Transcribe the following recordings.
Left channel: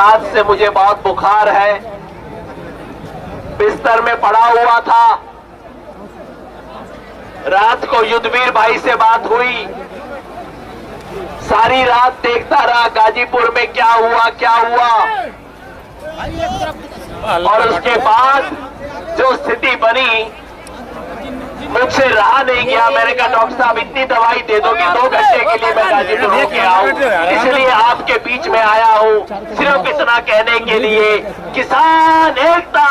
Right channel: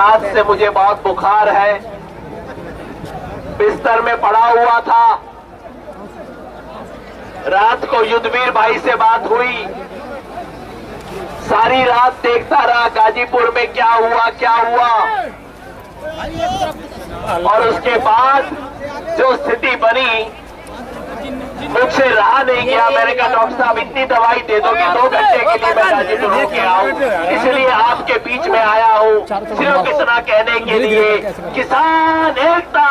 रात से मुझे बहुत बुखार है, बिस्तर में पड़ा हुआ था। रात को युद्धवीर भाई से बात हुई, सारी रात देखता रहा गाजीपुर में क्या हुआ। और उसके बाद जो स्थिति बनी, मुझसे रहा नहीं गया। मैंने कहा डॉक्टर साहब इतनी दवाई दे दो कि 2 घंटे के लिए मैं गाजीपुर होके आऊं, इसलिए आपके बीच में आया हूं, सिर्फ इतना कहने के लिए किसान एकता।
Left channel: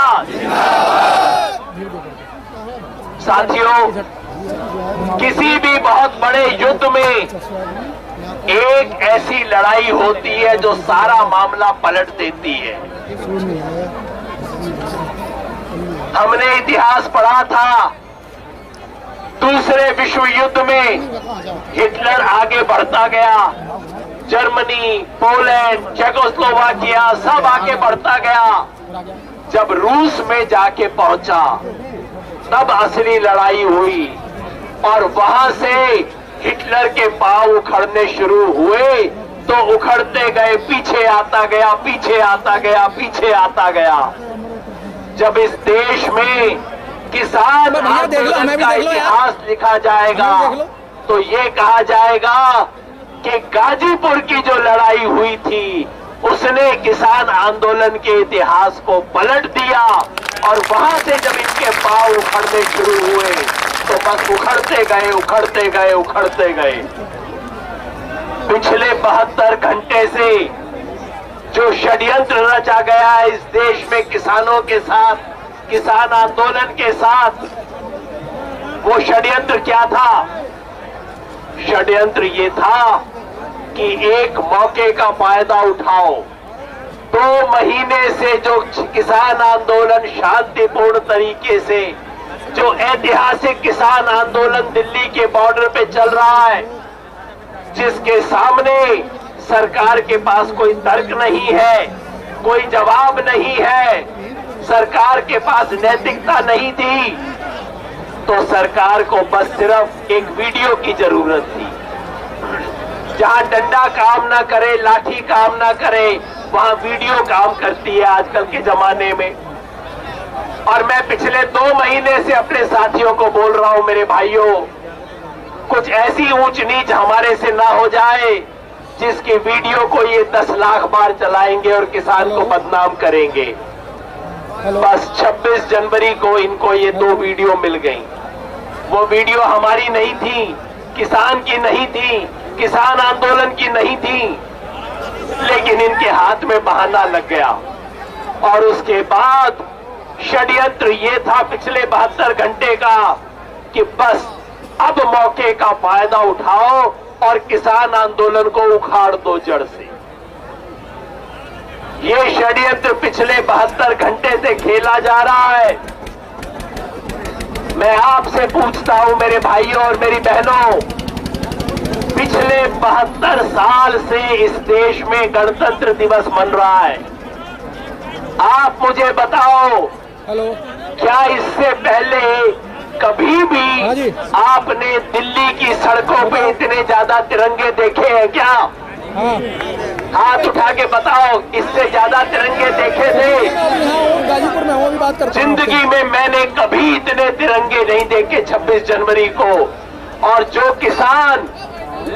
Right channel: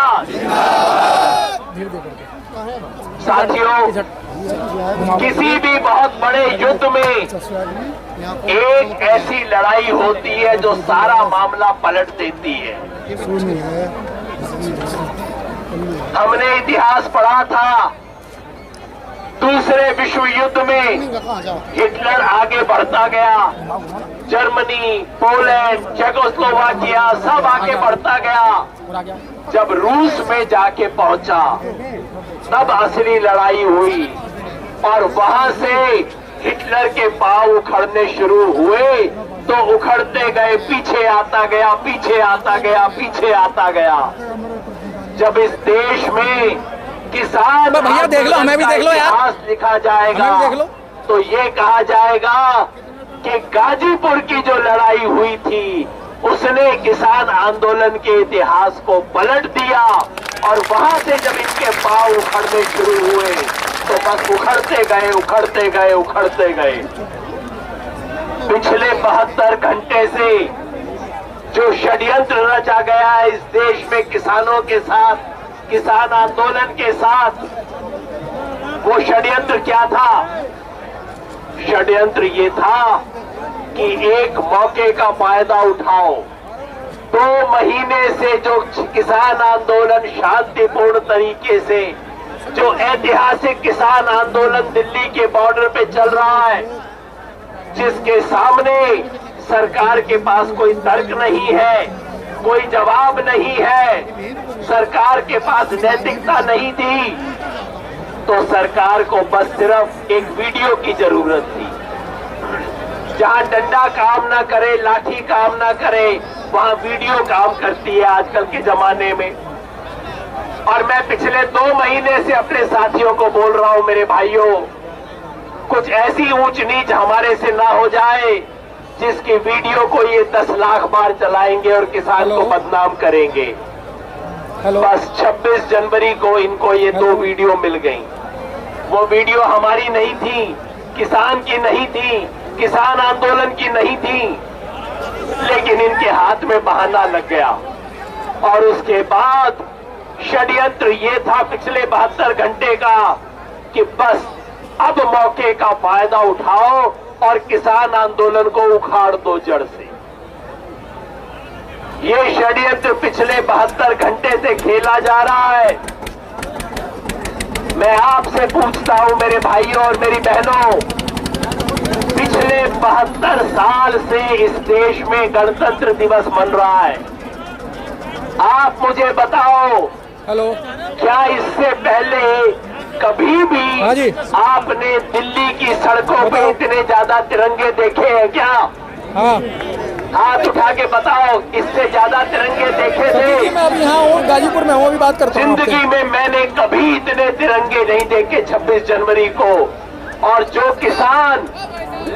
साथियों, किसी भी बहुत बड़े युद्ध में एक ऐसी लड़ाई होती है जो सारा मामला पलट देती है। हमने इतिहास पढ़ा था, दूसरे विश्व युद्ध में हिटलर आगे बढ़ता गया, जर्मनी, पोलैंड, चेकोस्लोवाकिया सब आगे बढ़ता गया। जब रूस में जाके पहुंचा तब असली लड़ाई हुई और वहां से हिटलर के पांव उखड़ने शुरू हुए तो उखड़ते गए, पीछे आता गया। जब इस देश में किसान भैया देख लो, हमें भी देख लो यार, इतिहास लिखा जाएगा तो ये कहा जाएगा कि गाजीपुर की जो लड़ाई हुई थी उसने किसान आंदोलन के इतिहास को पलट दिया। और वहां से जब इनके पांव उखड़ने शुरू हुए तो बस उखड़ते गए। पिछले 72 घंटे से जो षड्यंत्र रचा गया है इस देश में किसानों के साथ, किसान आंदोलन के साथ, वो षड्यंत्र क्या था? षड्यंत्र ये था कि एक मौके का फायदा उठाओ। 2 महीने से जो किसान आंदोलन शांतिपूर्ण तरीके से, जो ऐतिहासिक किसान आंदोलन दिल्ली के बॉर्डर पे चल रहा है, जिसके सामने सरकार के पास कोई तर्क नहीं है, कोई जवाब नहीं है, सरकार के पास नैतिकता नहीं थी, तो सरकार को बस सिर्फ एक वीडियो की जरूरत थी। जहां डंडा काम ना करे, लाठी काम ना करे, वहां वीडियो काम करती है आजकल के जमाने में। और मैं पिछले 2 महीने से अपने साथियों को बोल रहा हूं, मेरे भाइयों, कुछ ऐसी ऊंच नीच हमारे से ना हो जाए जिसकी वीडियो को ये 10 लाख बार चलाएंगे और किसान को बदनाम करेंगे। बस 26 जनवरी को इनको ये 2 वीडियो मिल गई। वो वीडियो हमारी नहीं थी, किसान की नहीं थी, किसान आंदोलन की नहीं थी, लेकिन इनके हाथ में बहाना लग गया। और उसके बाद षड्यंत्र ये था पिछले 72 घंटे का कि बस अब मौके का फायदा उठाओ और किसान आंदोलन को उखाड़ दो जड़ से। ये षड्यंत्र पिछले 72 घंटे से खेला जा रहा है। मैं आपसे पूछता हूं मेरे भाइयों और मेरी बहनों, पिछले 72 साल से इस देश में गणतंत्र दिवस मन रहा है। आप मुझे बताओ, क्या इससे पहले कभी भी आपने दिल्ली की सड़कों पे इतने ज्यादा तिरंगे देखे हैं क्या? हाथ उठा के बताओ, इससे ज्यादा तिरंगे देखे थे? गाजीपुर में हूँ, अभी बात करता हूँ। जिंदगी में मैंने कभी इतने तिरंगे नहीं देखे 26 जनवरी को। और जो किसान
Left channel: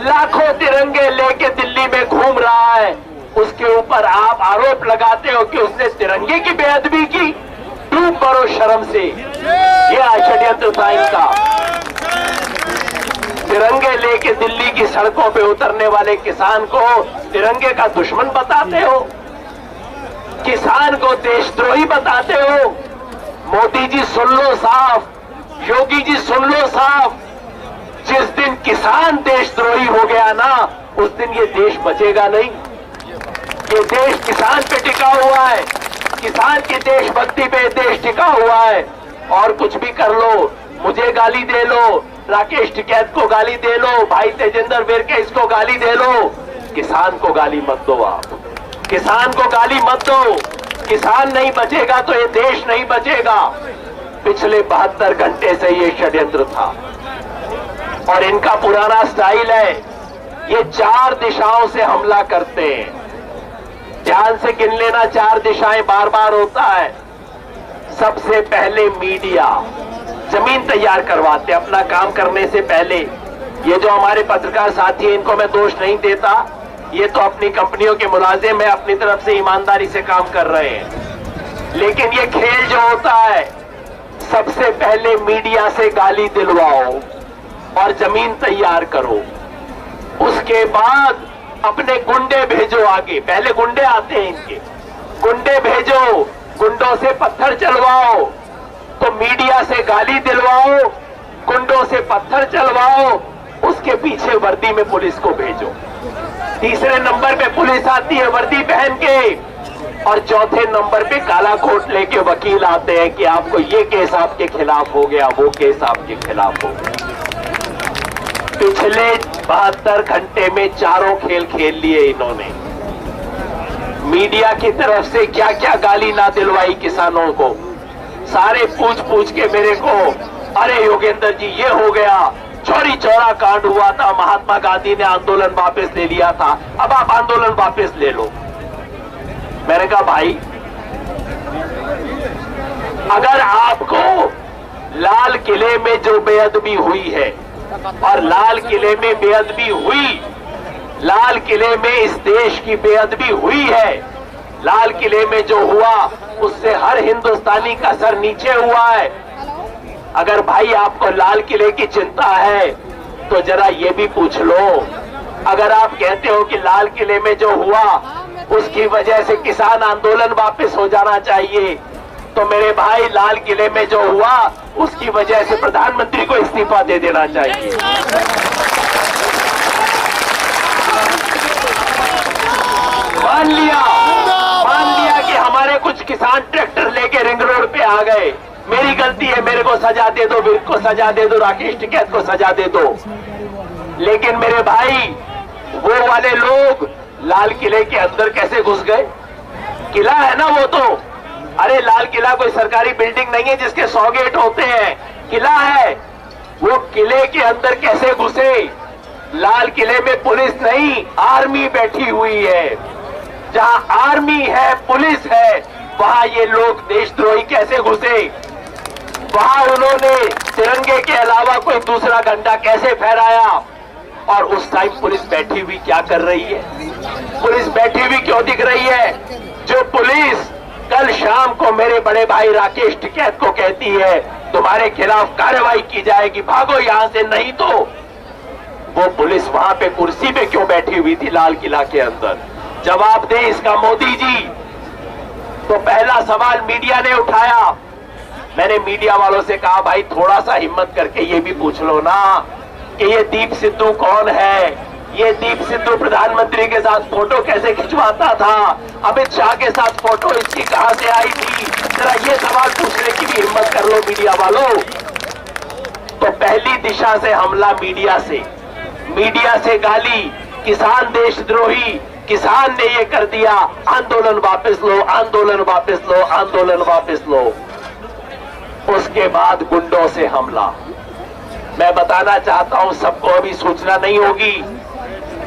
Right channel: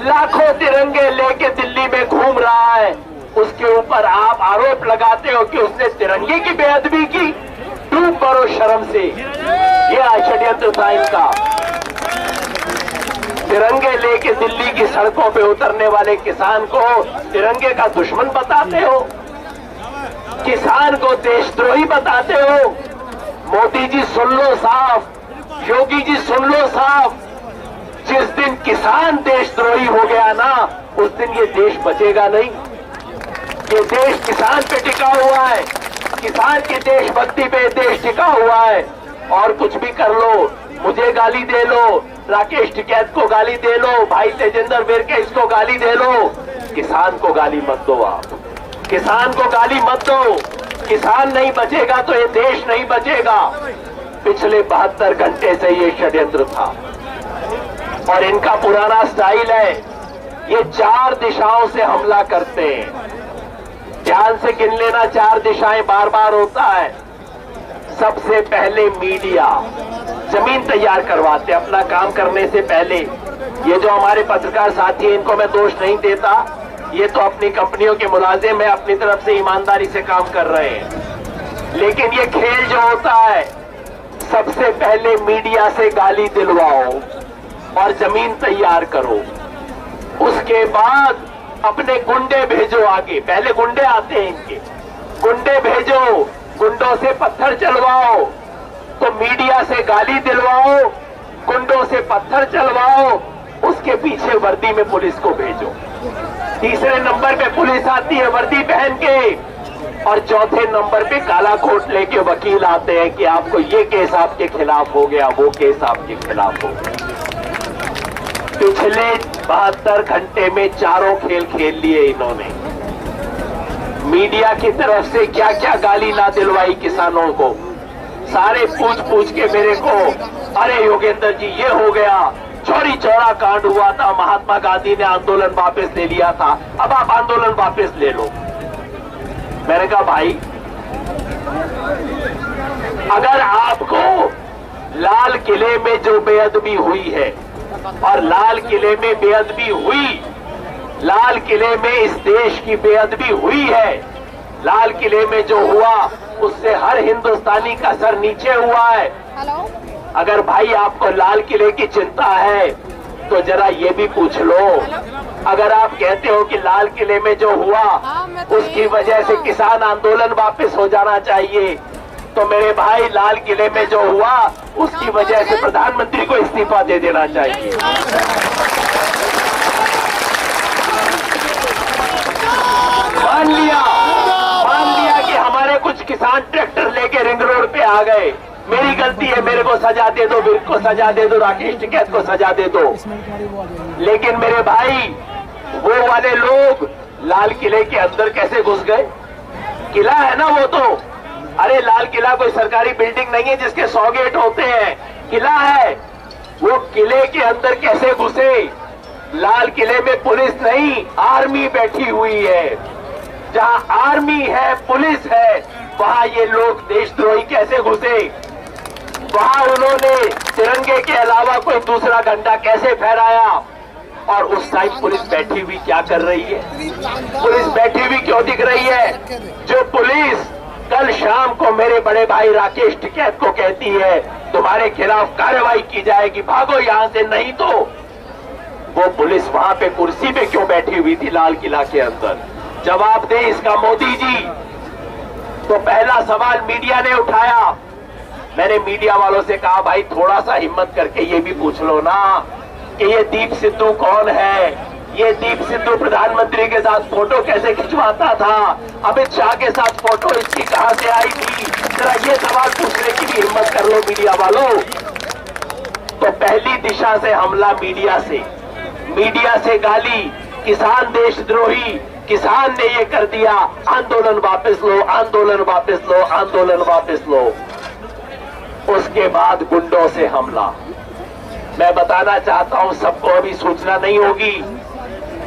लाखों तिरंगे लेके दिल्ली में घूम रहा है, उसके ऊपर आप आरोप लगाते हो कि उसने तिरंगे की बेअदबी की। डूब मरो शर्म से। यह षड्यंत्र था इनका। तिरंगे लेके दिल्ली की सड़कों पे उतरने वाले किसान को तिरंगे का दुश्मन बताते हो, किसान को देशद्रोही बताते हो। मोदी जी सुन लो साफ, योगी जी सुन लो साफ, जिस दिन किसान देशद्रोही हो गया ना, उस दिन ये देश बचेगा नहीं। ये देश किसान पे टिका हुआ है, किसान की देशभक्ति पे देश टिका हुआ है। और कुछ भी कर लो, मुझे गाली दे लो, राकेश टिकैत को गाली दे लो, भाई तेजेंद्र विरके इसको गाली दे लो, किसान को गाली मत दो। आप किसान को गाली मत दो। किसान नहीं बचेगा तो ये देश नहीं बचेगा। पिछले 72 घंटे से ये षड्यंत्र था और इनका पुराना स्टाइल है, ये 4 दिशाओं से हमला करते हैं। ध्यान से गिन लेना, 4 दिशाएं बार बार होता है। सबसे पहले मीडिया जमीन तैयार करवाते हैं अपना काम करने से पहले। ये जो हमारे पत्रकार साथी हैं, इनको मैं दोष नहीं देता, ये तो अपनी कंपनियों के मुलाजिम है, अपनी तरफ से ईमानदारी से काम कर रहे हैं। लेकिन ये खेल जो होता है, सबसे पहले मीडिया से गाली दिलवाओ और जमीन तैयार करो, उसके बाद अपने गुंडे भेजो आगे। पहले गुंडे आते हैं इनके, गुंडे भेजो, गुंडों से पत्थर चलवाओ। तो मीडिया से गाली दिलवाओ, गुंडों से पत्थर चलवाओ, उसके पीछे वर्दी में पुलिस को भेजो। तीसरे नंबर पे पुलिस आती है वर्दी पहन के, और चौथे नंबर पे काला कोट लेके वकील आते हैं कि आपको ये केस आपके खिलाफ हो गया, वो केस आपके खिलाफ हो गया। पिछले 72 घंटे में चारों खेल खेल लिए इन्होंने। मीडिया की तरफ से क्या क्या गाली ना दिलवाई किसानों को। सारे पूछ पूछ के मेरे को, अरे योगेंद्र जी ये हो गया, चौरी चौरा कांड हुआ था, महात्मा गांधी ने आंदोलन वापस ले लिया था, अब आप आंदोलन वापस ले लो। मैंने कहा भाई, अगर आपको लाल किले में जो बेअदबी हुई है, और लाल किले में बेअदबी हुई, लाल किले में इस देश की बेअदबी हुई है, लाल किले में जो हुआ उससे हर हिंदुस्तानी का सर नीचे हुआ है। अगर भाई आपको लाल किले की चिंता है तो जरा ये भी पूछ लो, अगर आप कहते हो कि लाल किले में जो हुआ उसकी वजह से किसान आंदोलन वापस हो जाना चाहिए, तो मेरे भाई लाल किले में जो हुआ उसकी वजह से प्रधानमंत्री को इस्तीफा दे देना चाहिए। मान लिया कि हमारे कुछ किसान ट्रैक्टर लेके रिंग रोड पे आ गए, मेरी गलती है, मेरे को सजा दे दो, विर्क को सजा दे दो, राकेश टिकैत को सजा दे दो। लेकिन मेरे भाई, वो वाले लोग लाल किले के अंदर कैसे घुस गए? किला है ना वो तो, अरे लाल किला कोई सरकारी बिल्डिंग नहीं है जिसके 100 गेट होते हैं, किला है। वो किले के अंदर कैसे घुसे? लाल किले में पुलिस नहीं, आर्मी बैठी हुई है। जहां आर्मी है, पुलिस है, वहां ये लोग देशद्रोही कैसे घुसे? वहां उन्होंने तिरंगे के अलावा कोई दूसरा झंडा कैसे फहराया? और उस टाइम पुलिस बैठी हुई क्या कर रही है? पुलिस बैठी हुई क्यों दिख रही है? जो पुलिस कल शाम को मेरे बड़े भाई राकेश टिकैत को कहती है तुम्हारे खिलाफ कार्रवाई की जाएगी, भागो यहां से, नहीं तो वो पुलिस वहां पे कुर्सी पे क्यों बैठी हुई थी लाल किला के अंदर? जवाब दे इसका मोदी जी। तो पहला सवाल मीडिया ने उठाया। मैंने मीडिया वालों से कहा भाई थोड़ा सा हिम्मत करके ये भी पूछ लो ना कि ये दीप सिद्धू कौन है? ये दीप सिद्धू प्रधानमंत्री के साथ फोटो कैसे खिंचवाता था? अमित शाह के साथ फोटो इसकी कहां से आई थी? जरा ये सवाल पूछने की भी हिम्मत कर लो मीडिया वालों। तो पहली दिशा से हमला मीडिया से गाली, किसान देशद्रोही, किसान ने ये कर दिया, आंदोलन वापस लो, आंदोलन वापस लो, आंदोलन वापस लो। उसके बाद गुंडों से हमला। मैं बताना चाहता हूं, सबको अभी सूचना नहीं होगी,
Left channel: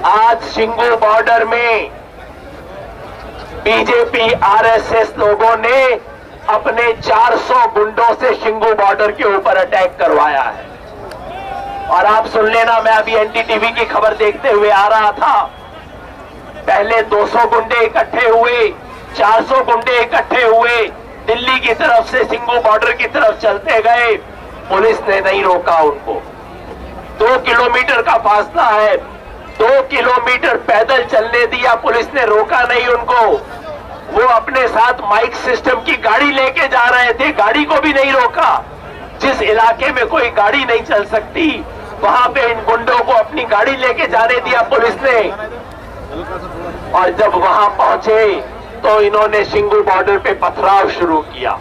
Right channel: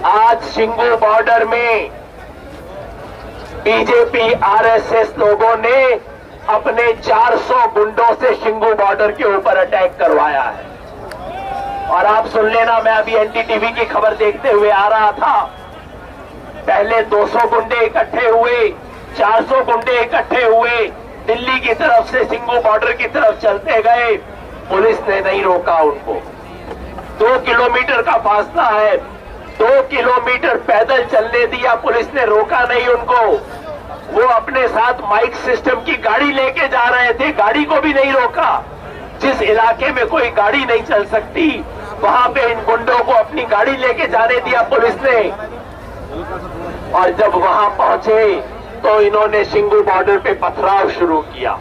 आज शिंगू बॉर्डर में बीजेपी आरएसएस लोगों ने अपने 400 गुंडों से शिंगू बॉर्डर के ऊपर अटैक करवाया है। और आप सुन लेना, मैं अभी एनडीटीवी की खबर देखते हुए आ रहा था, पहले 200 गुंडे इकट्ठे हुए, 400 गुंडे इकट्ठे हुए, दिल्ली की तरफ से शिंगू बॉर्डर की तरफ चलते गए, पुलिस ने नहीं रोका उनको। 2 किलोमीटर का फासला है, 2 किलोमीटर पैदल चलने दिया, पुलिस ने रोका नहीं उनको। वो अपने साथ माइक सिस्टम की गाड़ी लेके जा रहे थे, गाड़ी को भी नहीं रोका। जिस इलाके में कोई गाड़ी नहीं चल सकती, वहां पे इन गुंडों को अपनी गाड़ी लेके जाने दिया पुलिस ने। और जब वहां पहुंचे तो इन्होंने शिंगू बॉर्डर पे पथराव शुरू किया।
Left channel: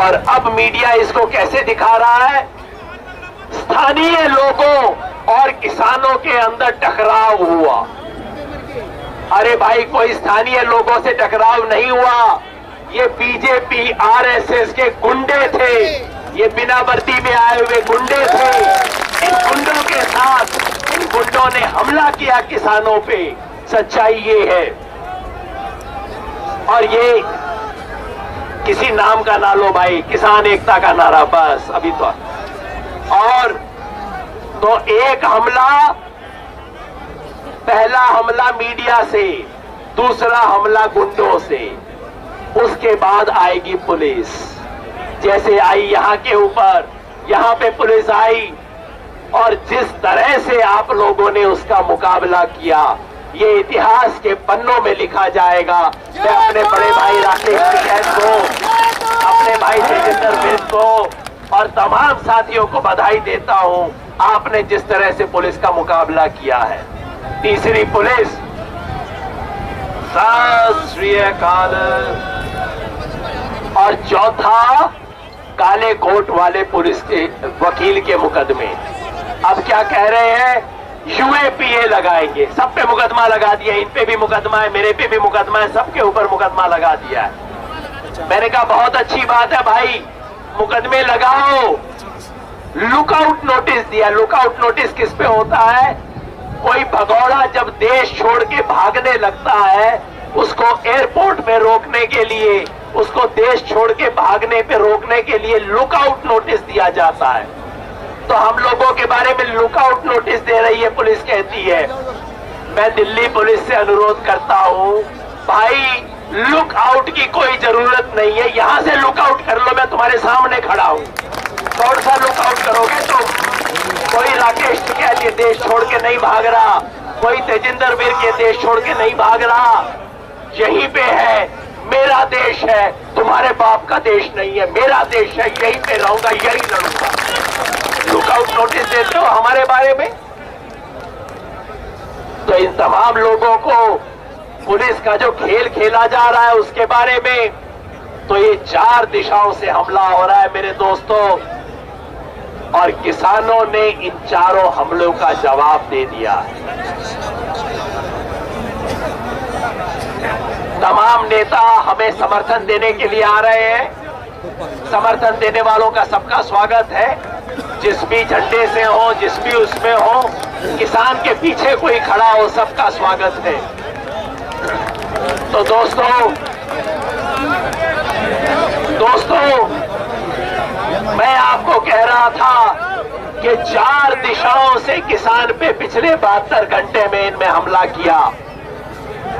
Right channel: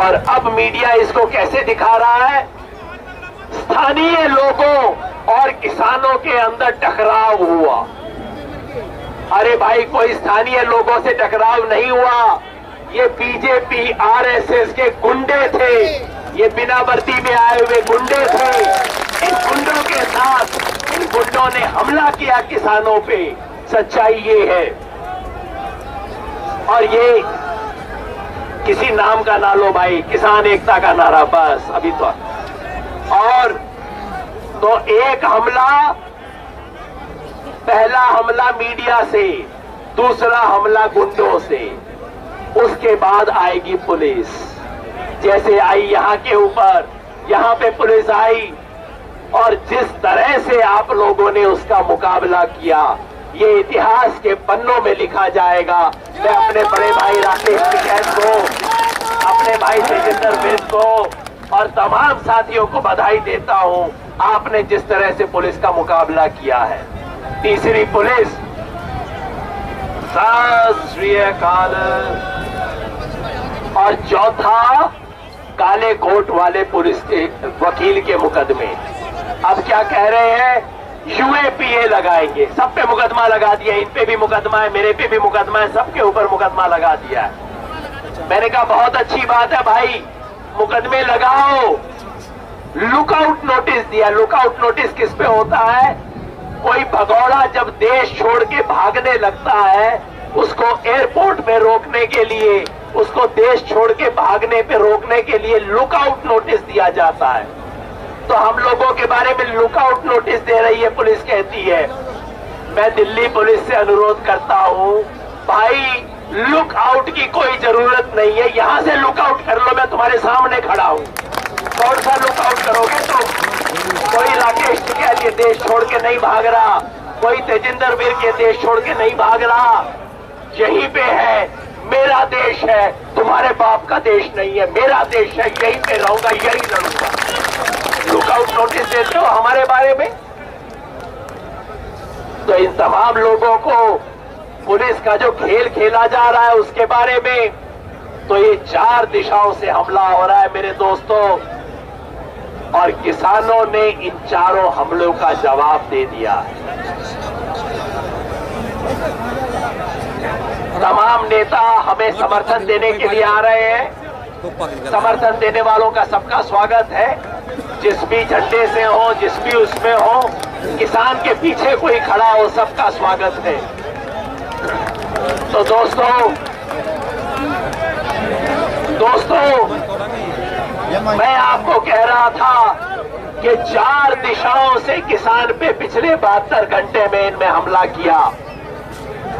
और अब मीडिया इसको कैसे दिखा रहा है? स्थानीय लोगों और किसानों के अंदर टकराव हुआ। अरे भाई, कोई स्थानीय लोगों से टकराव नहीं हुआ, ये बीजेपी आरएसएस के गुंडे थे, ये बिना वर्दी में आए हुए गुंडे थे। इन गुंडों के साथ इन गुंडों ने हमला किया किसानों पे, सच्चाई ये है। और ये किसी नाम का ना लो भाई, किसान एकता का नारा बस अभी तो। और तो एक हमला, पहला हमला मीडिया से, दूसरा हमला गुंडों से, उसके बाद आएगी पुलिस। जैसे आई यहां के ऊपर, यहां पे पुलिस आई और जिस तरह से आप लोगों ने उसका मुकाबला किया, ये इतिहास के पन्नों में लिखा जाएगा। मैं अपने बड़े भाई राकेश टिकैत को, अपने भाई तेजिंदर बिर्द को और तमाम साथियों को बधाई देता हूं, आपने जिस तरह से पुलिस का मुकाबला किया है। तीसरी पुलिस, सत श्री अकाल। और चौथा, काले कोट वाले पुलिस के वकील के मुकदमे। अब क्या कह रहे हैं, यूएपीए लगाएंगे, सब पे मुकदमा लगा दिया, इन पे भी मुकदमा है, मेरे पे भी मुकदमा है, सबके ऊपर मुकदमा लगा दिया है। मैंने कहा बहुत अच्छी बात है भाई, मुकदमे लगाओ। लुकआउट नोटिस दिया। लुकआउट नोटिस किस पे होता है, कोई भगौड़ा जब देश छोड़ के भागने लगता है, उसको एयरपोर्ट में रोकने के लिए, उसको देश छोड़ के भागने पे रोकने के लिए लुकआउट नोटिस दिया जाता है। तो हम लोगों के बारे में लुकआउट नोटिस दे रही है पुलिस, कहती है। मैं दिल्ली पुलिस से अनुरोध करता हूं, भाई लुकआउट की कोई जरूरत नहीं है, यहां से लुकआउट कर लो, मैं तुम्हारे सामने खड़ा हूं। कौन सा लुकआउट करोगे तुम? कोई राकेश टिकैत ये देश छोड़ के नहीं भाग रहा, कोई तेजिंदर बिर्द ये देश छोड़ के नहीं भाग रहा। यहीं पे है, मेरा देश है, तुम्हारे बाप का देश नहीं है, मेरा देश है, यहीं पे रहूंगा, यहीं लड़ूंगा। लुकआउट नोटिस देते हो हमारे बारे में। तो इन तमाम लोगों को पुलिस का जो खेल खेला जा रहा है उसके बारे में, तो ये 4 दिशाओं से हमला हो रहा है मेरे दोस्तों, और किसानों ने इन चारों हमलों का जवाब दे दिया है। तमाम नेता हमें समर्थन देने के लिए आ रहे हैं। समर्थन देने वालों का सबका स्वागत है, जिस भी झंडे से हो, जिस भी उसमें हो, किसान के पीछे कोई खड़ा हो, सबका स्वागत है। तो दोस्तों मैं आपको कह रहा था कि 4 दिशाओं से किसान पे पिछले 72 घंटे में इनमें हमला किया।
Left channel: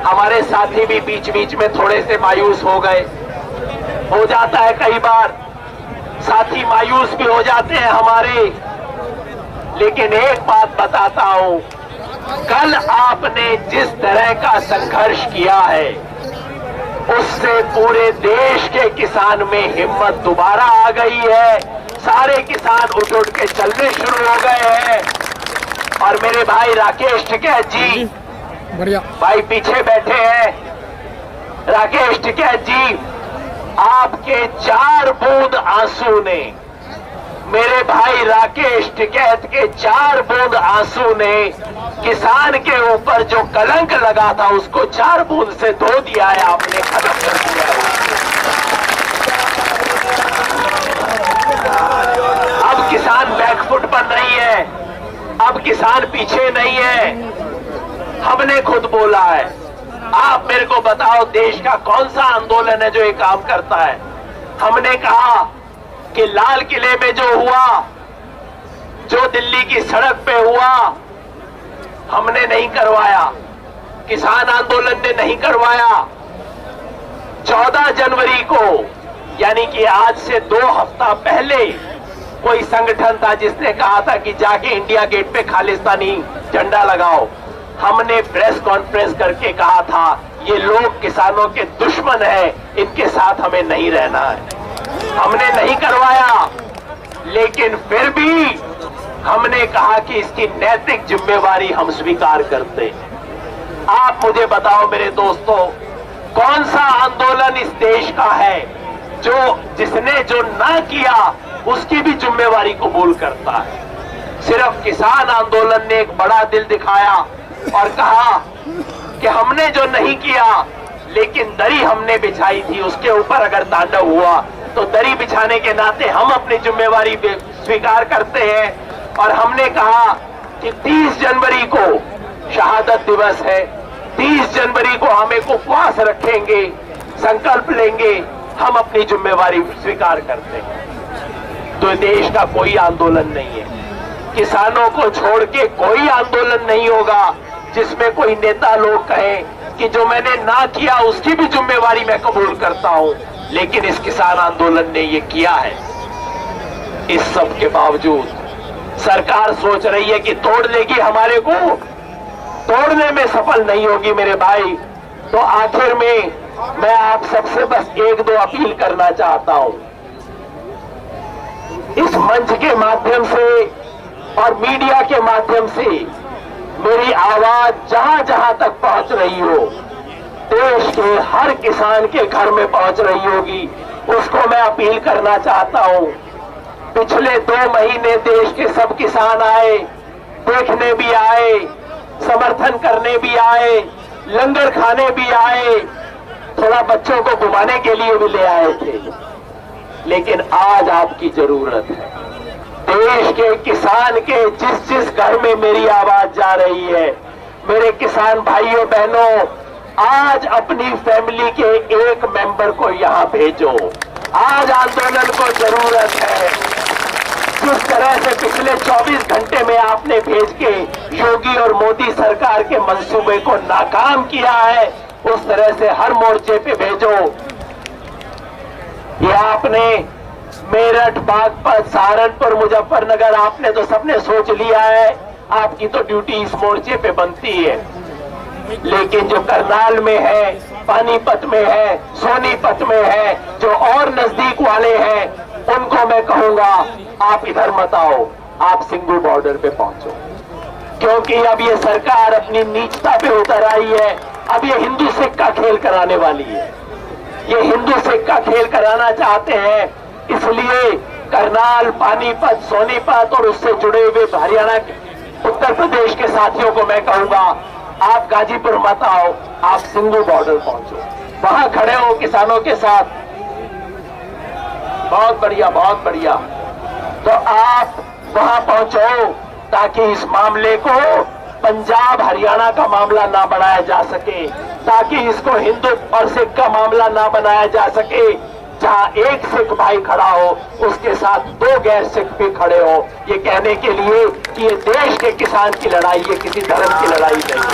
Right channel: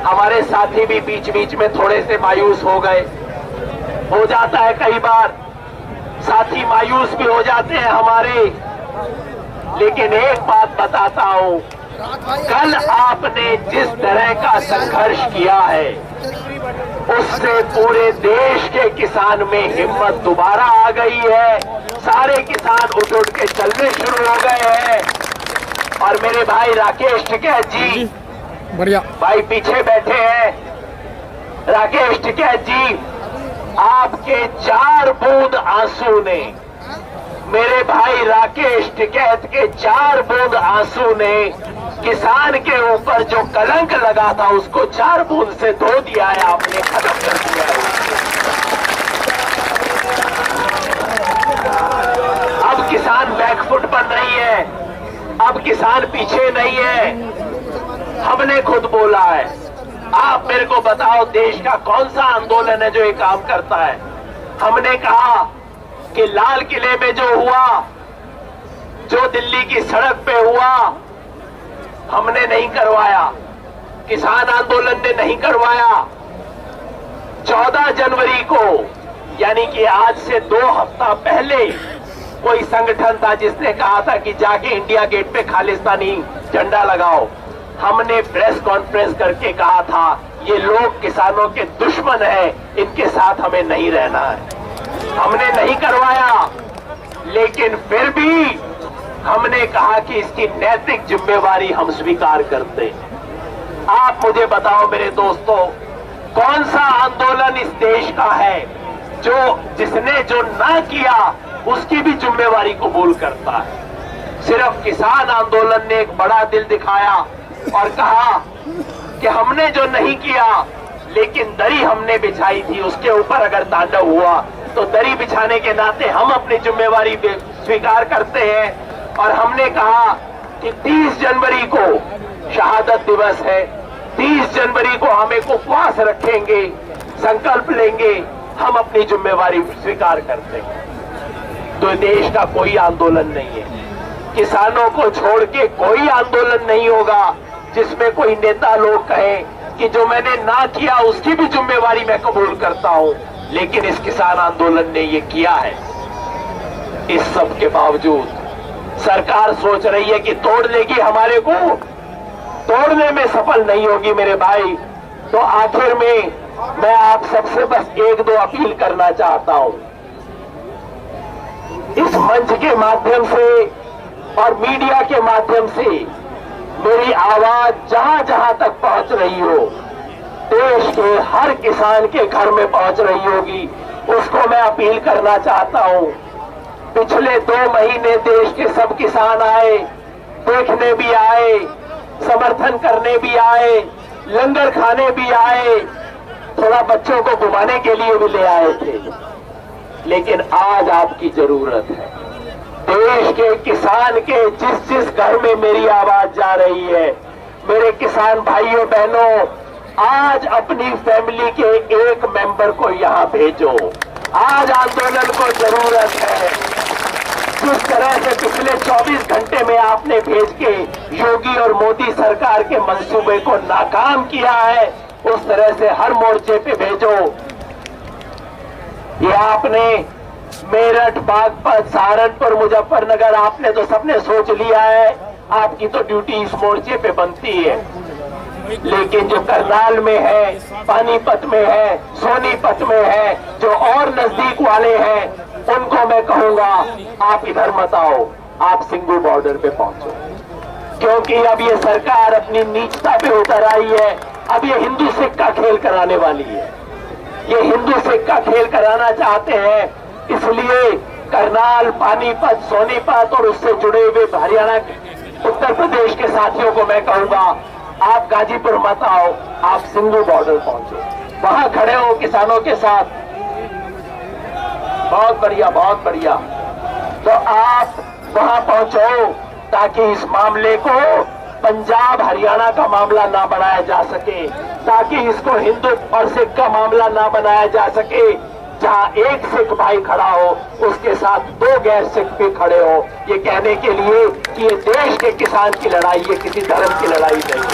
हमारे साथी भी बीच बीच में थोड़े से मायूस हो गए, हो जाता है कई बार, साथी मायूस भी हो जाते हैं हमारे। लेकिन एक बात बताता हूं, कल आपने जिस तरह का संघर्ष किया है, उससे पूरे देश के किसान में हिम्मत दोबारा आ गई है। सारे किसान उठ उठ के चलने शुरू हो गए हैं। और मेरे भाई राकेश टिकैत जी, बढ़िया भाई पीछे बैठे हैं, राकेश टिकैत जी, आपके 4 बूंद आंसू ने, मेरे भाई राकेश टिकैत के 4 बूंद आंसू ने किसान के ऊपर जो कलंक लगा था उसको 4 बूंद से धो दिया है आपने, खत्म कर दिया है। अब किसान बैकफुट पर नहीं है, अब किसान पीछे नहीं है। हमने खुद बोला है, आप मेरे को बताओ देश का कौन सा आंदोलन है जो ये काम करता है। हमने कहा कि लाल किले में जो हुआ, जो दिल्ली की सड़क पे हुआ, हमने नहीं करवाया, किसान आंदोलन ने नहीं करवाया। 14 जनवरी को, यानी कि आज से 2 हफ्ता पहले, कोई संगठन था जिसने कहा था कि जाके इंडिया गेट पे खालिस्तानी झंडा लगाओ। हमने प्रेस कॉन्फ्रेंस करके कहा था ये लोग किसानों के दुश्मन हैं, इनके साथ हमें नहीं रहना है। हमने नहीं करवाया, लेकिन फिर भी हमने कहा कि इसकी नैतिक जिम्मेवारी हम स्वीकार करते हैं। आप मुझे बताओ मेरे दोस्तों, कौन सा आंदोलन इस देश का है जिसने जो ना किया उसकी भी जिम्मेवारी कबूल करता है। सिर्फ किसान आंदोलन ने एक बड़ा दिल दिखाया और कहा कि हमने जो नहीं किया, लेकिन दरी हमने बिछाई थी, उसके ऊपर अगर तांडव हुआ तो दरी बिछाने के नाते हम अपनी जिम्मेवारी स्वीकार करते हैं। और हमने कहा कि 30 जनवरी को शहादत दिवस है, 30 जनवरी को हम एक उपवास रखेंगे, संकल्प लेंगे, हम अपनी जिम्मेवारी स्वीकार करते हैं। तो देश का कोई आंदोलन नहीं है, किसानों को छोड़ के कोई आंदोलन नहीं होगा जिसमें कोई नेता लोग कहें कि जो मैंने ना किया उसकी भी जिम्मेवारी मैं कबूल करता हूं। लेकिन इस किसान आंदोलन ने ये किया है। इस सब के बावजूद सरकार सोच रही है कि तोड़ लेगी हमारे को, तोड़ने में सफल नहीं होगी मेरे भाई। तो आखिर में मैं आप सबसे बस एक दो अपील करना चाहता हूं। इस मंच के माध्यम से और मीडिया के माध्यम से मेरी आवाज जहां जहां तक पहुंच रही हो, देश के हर किसान के घर में पहुंच रही होगी, उसको मैं अपील करना चाहता हूं। पिछले 2 महीने देश के सब किसान आए, देखने भी आए, समर्थन करने भी आए, लंगर खाने भी आए, थोड़ा बच्चों को घुमाने के लिए भी ले आए थे। लेकिन आज आपकी जरूरत है। देश के किसान के जिस जिस घर में मेरी आवाज जा रही है, मेरे किसान भाइयों बहनों, आज अपनी फैमिली के एक मेंबर को यहां भेजो। आज आंदोलन को जरूरत है। जिस तरह से पिछले 24 घंटे में आपने भेज के योगी और मोदी सरकार के मंसूबे को नाकाम किया है, उस तरह से हर मोर्चे पे भेजो। ये आपने मेरठ, बागपत, सहारनपुर, मुजफ्फरनगर आपने तो सबने सोच लिया है, आपकी तो ड्यूटी इस मोर्चे पे बनती है। लेकिन जो करनाल में है, पानीपत में है, सोनीपत में है, जो और नजदीक वाले हैं, उनको मैं कहूंगा आप इधर मत आओ, आप सिंगू बॉर्डर पे पहुंचो। क्योंकि अब ये सरकार अपनी नीचता पे उतर आई है। अब ये हिंदू सिक्का खेल कराने वाली है। ये हिंदू सिक्का खेल कराना चाहते हैं। इसलिए करनाल, पानीपत, सोनीपत और उससे जुड़े हुए हरियाणा, उत्तर प्रदेश के साथियों को मैं कहूंगा आप गाजीपुर मत आओ, आप सिंगू बॉर्डर पहुंचो, वहां खड़े हो किसानों के साथ। बहुत बढ़िया, बहुत बढ़िया। तो आप वहां पहुंचो ताकि इस मामले को पंजाब हरियाणा का मामला ना बनाया जा सके, ताकि इसको हिंदू और सिख का मामला ना बनाया जा सके। जहां एक सिख भाई खड़ा हो, उसके साथ 2 गैर सिख भी खड़े हो, ये कहने के लिए कि ये देश के किसान की लड़ाई, ये किसी धर्म की लड़ाई नहीं है।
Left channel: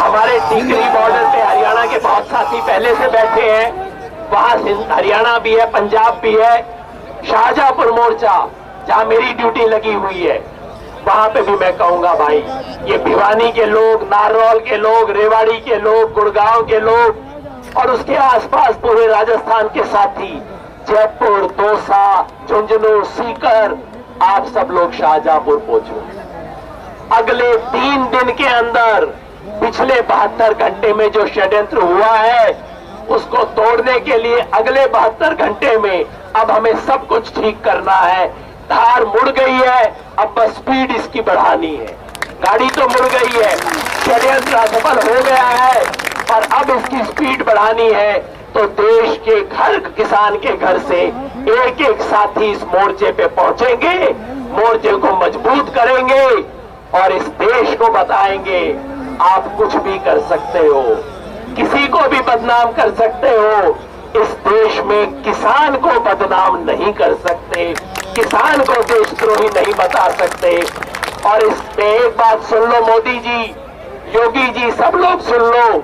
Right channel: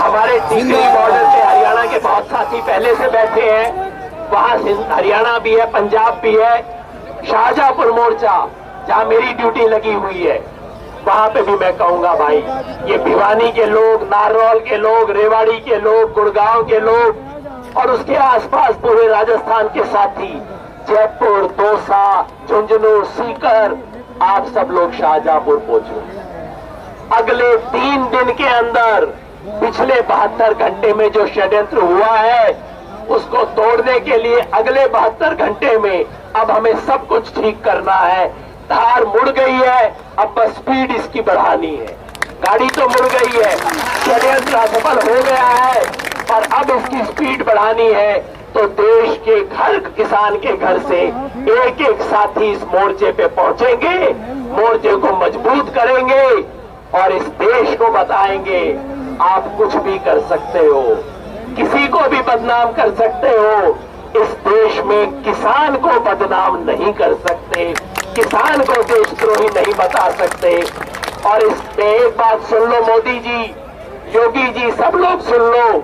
हमारे टिकरी बॉर्डर पे हरियाणा के बहुत साथी पहले से बैठे हैं। वहां हरियाणा भी है, पंजाब भी है। शाहजहांपुर मोर्चा जहां मेरी ड्यूटी लगी हुई है, वहां पे भी मैं कहूंगा भाई, ये भिवानी के लोग, नारनौल के लोग, रेवाड़ी के लोग, गुड़गांव के लोग और उसके आसपास पूरे राजस्थान के साथी, जयपुर, दौसा, झुंझुनू, सीकर, आप सब लोग शाहजहांपुर पहुंचो। अगले 3 दिन के अंदर पिछले 72 घंटे में जो षड्यंत्र हुआ है, उसको तोड़ने के लिए अगले 72 घंटे में अब हमें सब कुछ ठीक करना है। धार मुड़ गई है, अब बस स्पीड इसकी बढ़ानी है। गाड़ी तो मुड़ गई है, षड्यंत्र असफल हो गया है, और अब इसकी स्पीड बढ़ानी है। तो देश के हर किसान के घर से एक एक साथी इस मोर्चे पे पहुंचेंगे, मोर्चे को मजबूत करेंगे और इस देश को बताएंगे आप कुछ भी कर सकते हो, किसी को भी बदनाम कर सकते हो। इस देश में किसान को बदनाम नहीं कर सकते, किसान को देशद्रोही नहीं बता सकते। और इस पे एक बात सुन लो मोदी जी, योगी जी, सब लोग सुन लो,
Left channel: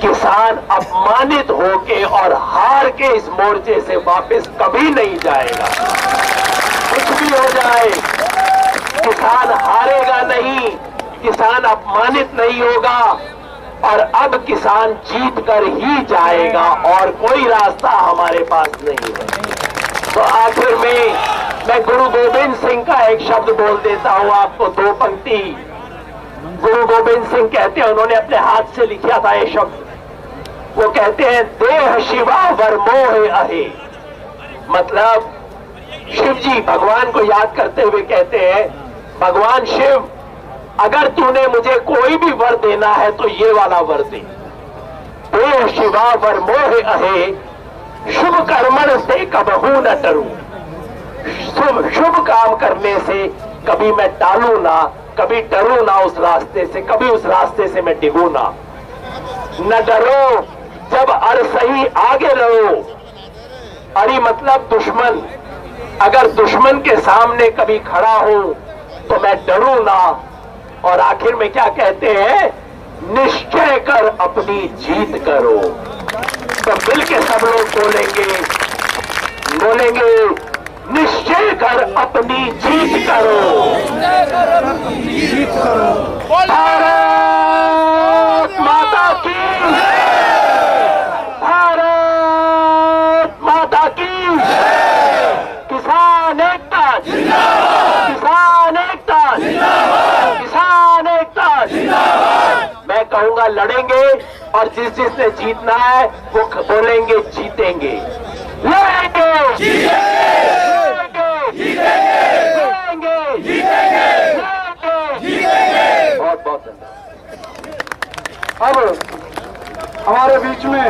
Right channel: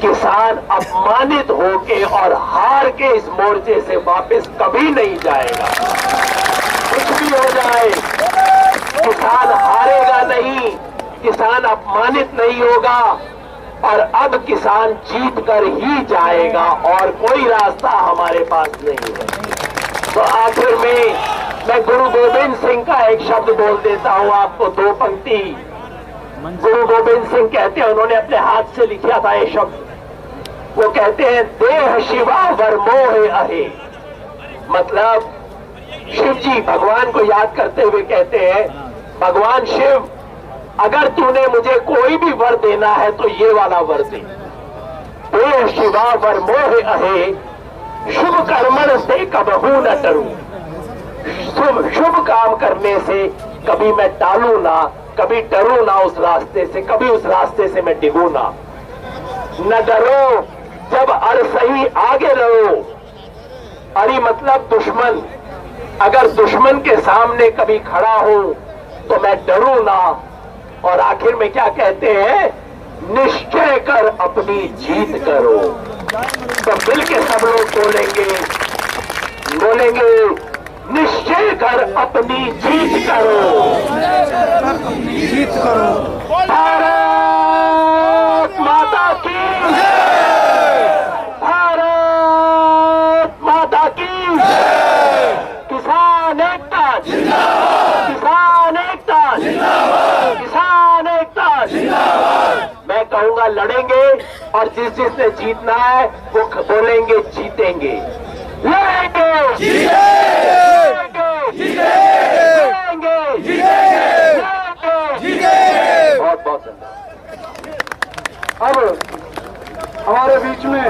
किसान अपमानित होके और हार के इस मोर्चे से वापस कभी नहीं जाएगा। कुछ भी हो जाए, किसान हारेगा नहीं, किसान अपमानित नहीं होगा, और अब किसान जीत कर ही जाएगा और कोई रास्ता हमारे पास नहीं है। तो आखिर में मैं गुरु गोविंद सिंह का एक शब्द बोल देता हूं आपको, 2 पंक्ति। गुरु गोविंद सिंह कहते हैं, उन्होंने अपने हाथ से लिखा था ये शब्द, वो कहते हैं देह शिवा वर मोह अहे। मतलब शिव जी भगवान को याद करते हुए कहते हैं, भगवान शिव, अगर तूने मुझे कोई भी वर देना है तो ये वाला वर दे। देह शिवा वर मोह अहे, शुभ कर्मण से कबहू न डरूं, शुभ काम करने से कभी मैं टालू ना, कभी डरूं ना उस रास्ते से, कभी उस रास्ते से मैं डिगू ना। न डरो जब अड़ सही आगे रहो, अड़ी मतलब दुश्मन, अगर दुश्मन के सामने कभी खड़ा हूं तो मैं डरूं ना। और आखिर में क्या कहते हैं, निश्चय कर अपनी जीत करो। तो मिलके सब लोग बोलेंगे निश्चय कर अपनी जीत करो। भारत माता की, भारत माता की। किसान एकता जिंदाबाद, किसान एकता जिंदाबाद, किसान एकता जिंदाबाद। मैं कहूंगा लड़ेंगे और जिसने जीतना है वो बोलेंगे जीतेंगे, लड़ेंगे जीतेंगे, लड़ेंगे जीतेंगे। बहुत बहुत धन्यवाद। अब हमारे बीच में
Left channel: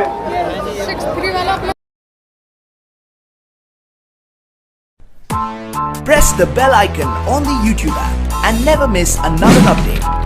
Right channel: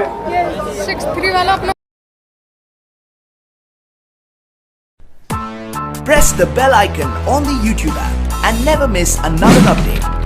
6-3 वाला अपना Press the bell icon on the YouTube app and never miss another update.